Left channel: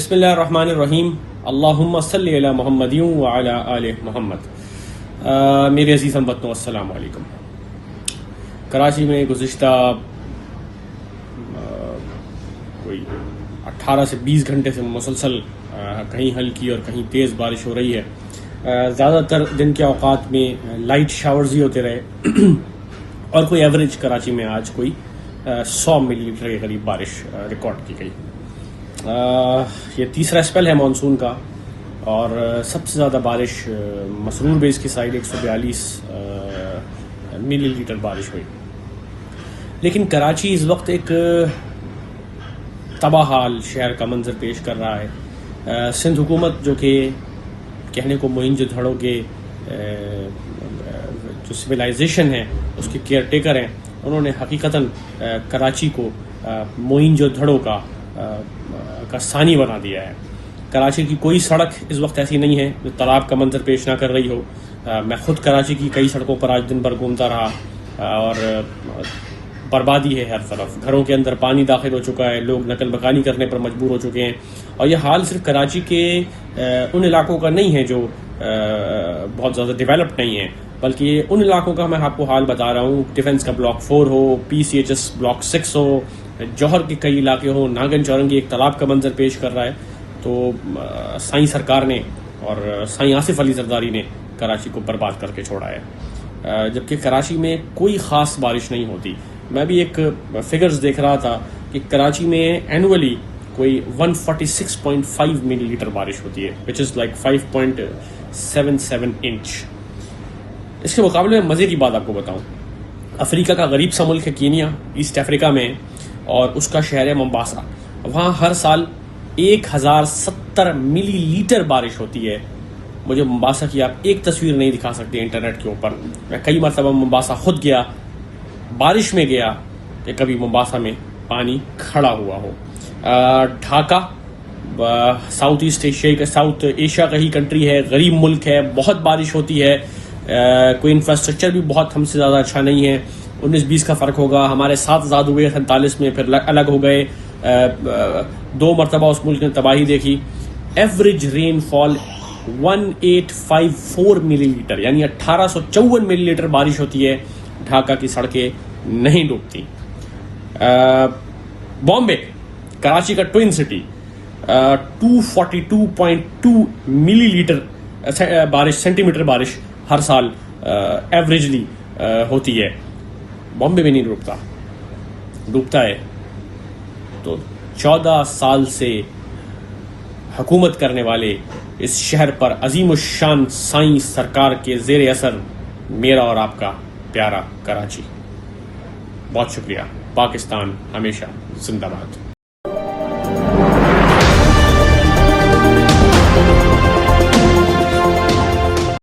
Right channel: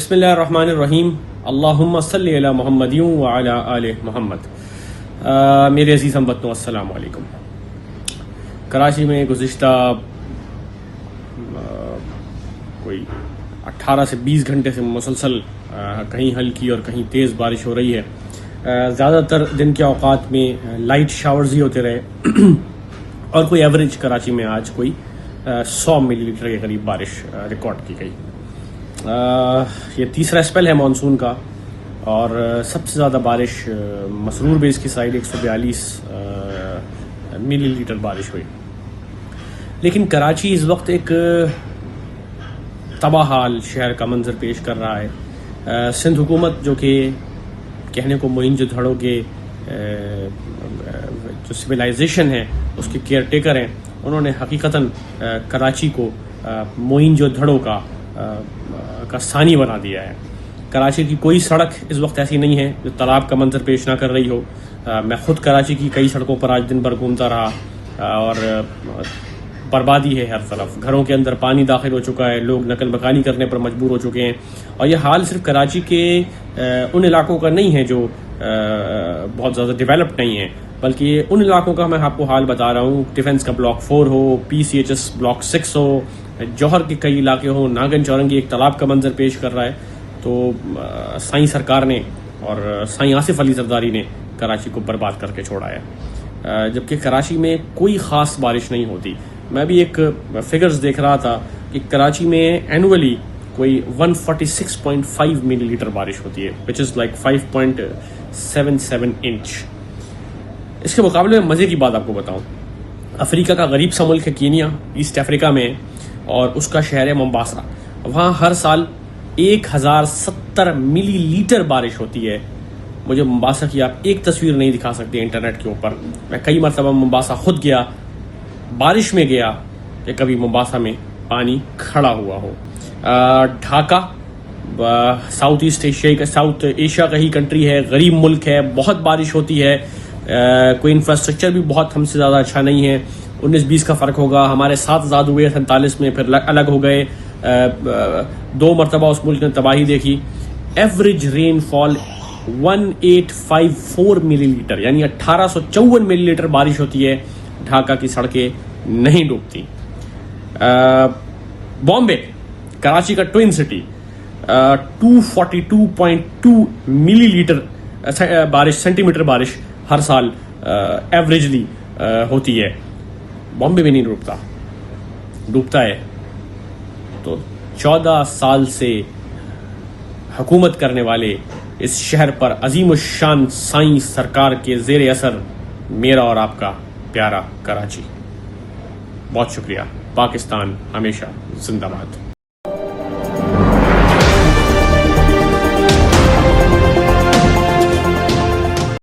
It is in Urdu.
بسم اللہ الرحمن الرحیم، اللہم صلی علی محمد وعلی آل محمد۔ میرے عزیز ہم وطنو، السلام علیکم۔ کراچی میں گزشتہ کوئی 18 سے 20 گھنٹے سے مسلسل کہیں ہلکی اور کہیں تیز بارش ہو رہی ہے۔ زیادہ تر دن کے اوقات میں لائٹ شاورز ہی ہوتے رہے اور کوئی ایوریج کراچی میں آج کوئی 100 ملی لیٹر کے قریب بارش ریکارڈ کی گئی۔ یہ تیسرا اسپیل ہے مانسون کا، اور سب سے زیادہ بارش مسرور بیس کی سائڈ 142 ملی لیٹر بارش ہوئی۔ لیکن کراچی اس وقت ایک تباہ حال شہر کا منظر پیش کر رہا ہے۔ سندھ حکومت جو کہ کہنے کو معین جو دھڑوں کے جو سویلائزیشن ہے اس کے کیئر ٹیکر ہیں، انہوں نے حقیقتاً کراچی کو معین جو دھڑوں کا ثانی بنا دیا ہے۔ کراچی کی کوئی سڑک اس وقت ایسی نہیں ہے جو تالاب کا منظر پیش نہ کر رہی ہو۔ میں خود کراچی کی کئی سڑکوں پر آج دن بھر گھومتا رہا اور بربادی ہے ہر طرف۔ گھروں کے اندر پانی داخل ہو چکا ہے، لوگ نقل مکانی کرنے پر مجبور ہو چکے ہیں۔ اور یہ حال صرف کراچی کے ان علاقوں کا نہیں ہے جو بہت زیادہ ڈیولپڈ نہیں ہیں، بلکہ یہ ان علاقوں کا میں آپ کو حال بتا رہا ہوں۔ ڈیفنس کا بلاک 4 ہو، PCHS بلاک 6 ہو، جوہر کے کئی علاقے ہوں، ناگن چورنگی ایک تالاب کا منظر پیش کر رہا ہے۔ تو سائیں سرکار نے اور سائیں آصف علی زرداری نے کراچی کو برباد کر کے چھوڑا ہے، جبکہ کراچی میں کوئی خاص بارش نہیں ہوتی۔ میں بھی ایک فگرز دیکھ رہا تھا کہ کراچی میں اینولی کوئی 146.5 ملی لیٹر بارش ہوتی ہے، which is like 5.77 انچ۔ اس کے مقابلے میں مزے کی بات آپ کو بتاؤں، افریقہ کا غریب سا ملک ہے کینیا، ایسٹ افریقہ میں، اور اس کا شہر ہے ممباسا۔ وہاں ہر سال 1070 ملی لیٹر بارش ہوتی ہے۔ مجھے ممباسا کی آپ ایک تصویر نہیں دکھا سکتے انٹرنیٹ کے اوپر۔ میں کئی مرتبہ ممباسا خود گیا، بارش میں گیا کہ کبھی ممباسا میں پانی کھڑا ہوا ہو۔ ڈھاکہ ساؤتھ ایشیا کا ہی کنٹری ہے، غریب ملک ہے، بہت بارش ہوتی ہے، کوئی انفراسٹرکچر بھی بہت ہم سے زیادہ اچھا نہیں ہے۔ 19-20 کا فرق ہوگا، ہمارے ساتھ آزاد ہوئے 47 میں، پھر الگ ہو گئے۔ 2 مرتبہ اس ملک نے تباہی دیکھی۔ ایوریج رین فال 1854 ملی لیٹر، یعنی 1854 ملی لیٹر بارش ہوتی ہے۔ ڈھاکہ کی سڑکیں نہیں ڈوبتی۔ بامبے، کراچی کا ٹوئن سٹی، 242.2 ملی لیٹر بارش، سینٹی میٹر بارش ہر سال ایوریجلی ہوتی ہے۔ بامبے میں نہیں ڈوبتا ہے۔ تو 14 سال سے حکومت کرنے والے اس شہر پر عظیم الشان سائیں سرکار کے زیر اثر میرا اور آپ کا پیارا کراچی۔ بہت شکریہ۔ پاکستان ہمیشہ زندہ باد۔